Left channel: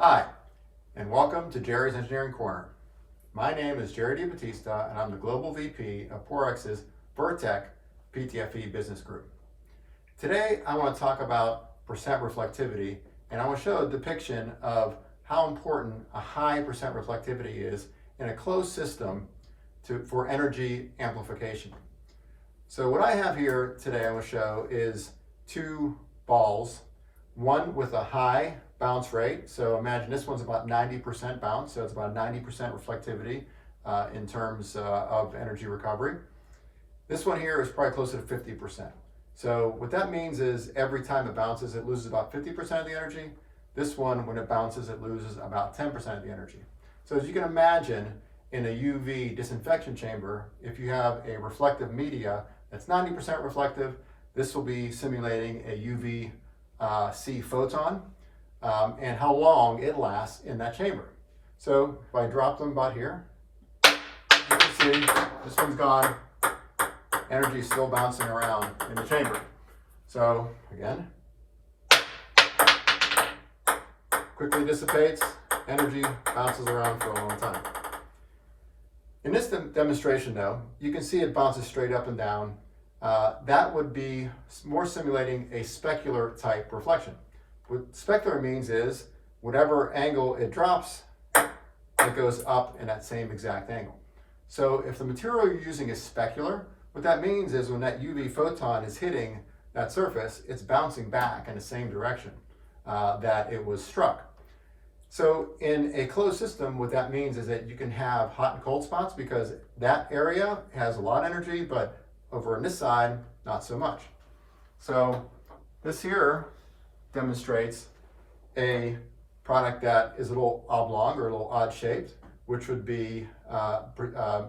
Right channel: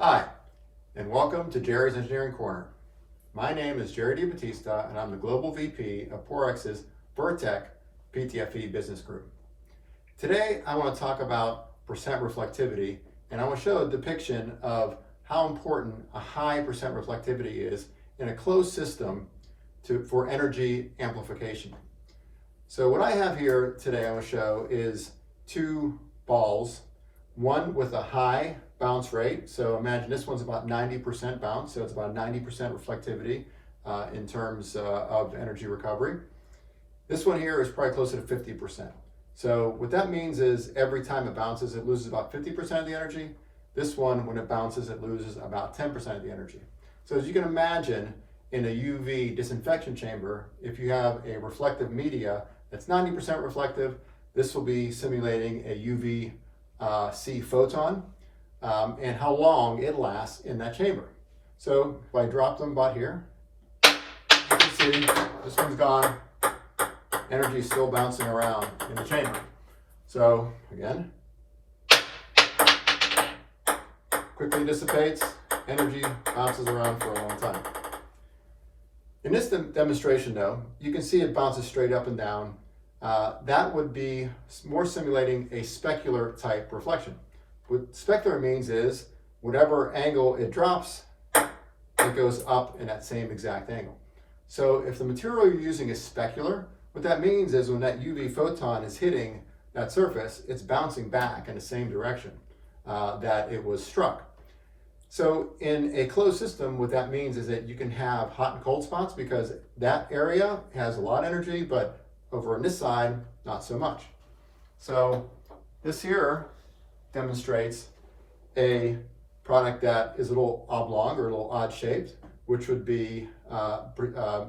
Hi, and welcome to Gerry's Engineering Corner. My name is Gerry and I'm the Global VP of Porex's Vertec PTFE Business Group. Today, I want to talk about percent reflectivity, and I want to show a depiction of how important a high percent reflectivity is in a closed system for energy amplification. So what I have here today I want to show is two balls, one with a high bounce rate. So imagine this one's about 90% bounce, so it's about 90% reflectivity in terms of energy recovery. This one here is probably closer to 50%. So what that means is every time it bounces, it loses about 50% of the energy. This one, when it bounces, it loses about 10% of the energy. So as you can imagine, in a UV disinfection chamber, if you have a reflective media that's 90% reflective, this will be simulating a UV-C photon and how long it lasts in that chamber. So if I drop them about here, you can see this one's gone. Energy is still bouncing around in the chamber. So again, quickly dissipates, energy bounces around for a long time. In this demonstration though, you can see it bounces straight up and down. That would be more simulating a specular type reflection. What specular means is whatever angle it drops, it goes up in that same exact angle. So if the material you're using is specular, what that means is when that UV photon is hitting that surface, it's bouncing back in the same direction that it was struck. So in a closed system, what that means is that you can have hot and cold spots because that area has a lot of energy, but over on this side, not so much. So this here demonstrates a product that is a little oblong or a little odd shaped, which would be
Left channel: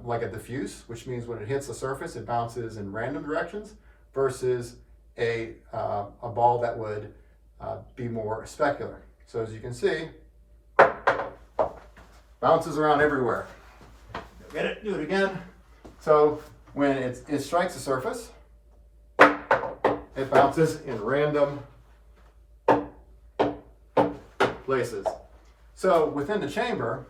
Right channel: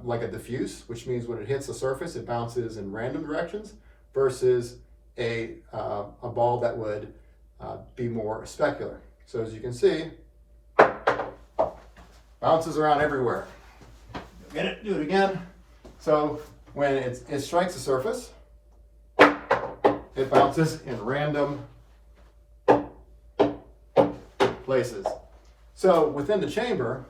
like a diffuse, which means when it hits the surface, it bounces in random directions, versus a ball that would be more specular. So as you can see, bounces around everywhere. Get it, do it again. So when it strikes the surface, it bounces in random places. So within the chamber,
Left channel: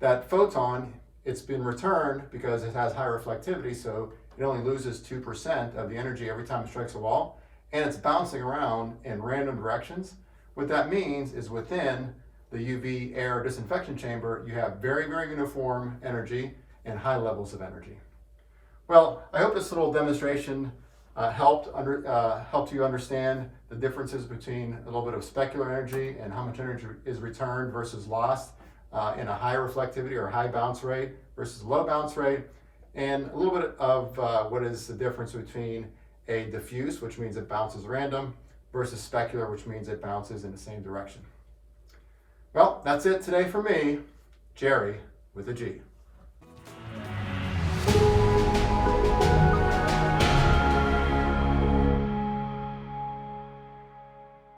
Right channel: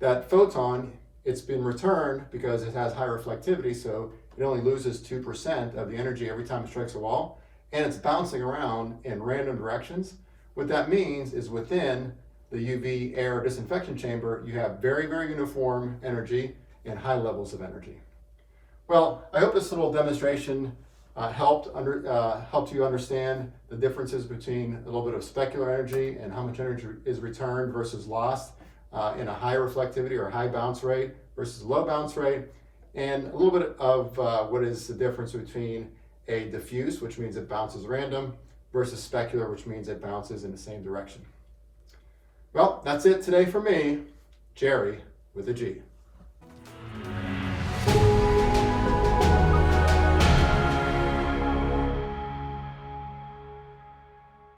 that photon, it's been returned because it has high reflectivity, so it only loses 2% of the energy every time it strikes a wall, and it's bouncing around in random directions. What that means is within the UV air disinfection chamber, you have very, very uniform energy and high levels of energy. Well, I hope this little demonstration helped you understand the differences between a little bit of specular energy and how much energy is returned versus lost in a high reflectivity or high bounce rate versus a low bounce rate, and a little bit of what is the difference between a diffuse, which means it bounces random, versus specular, which means it bounces in the same direction. Well, that's it today for me, Gerry with a G.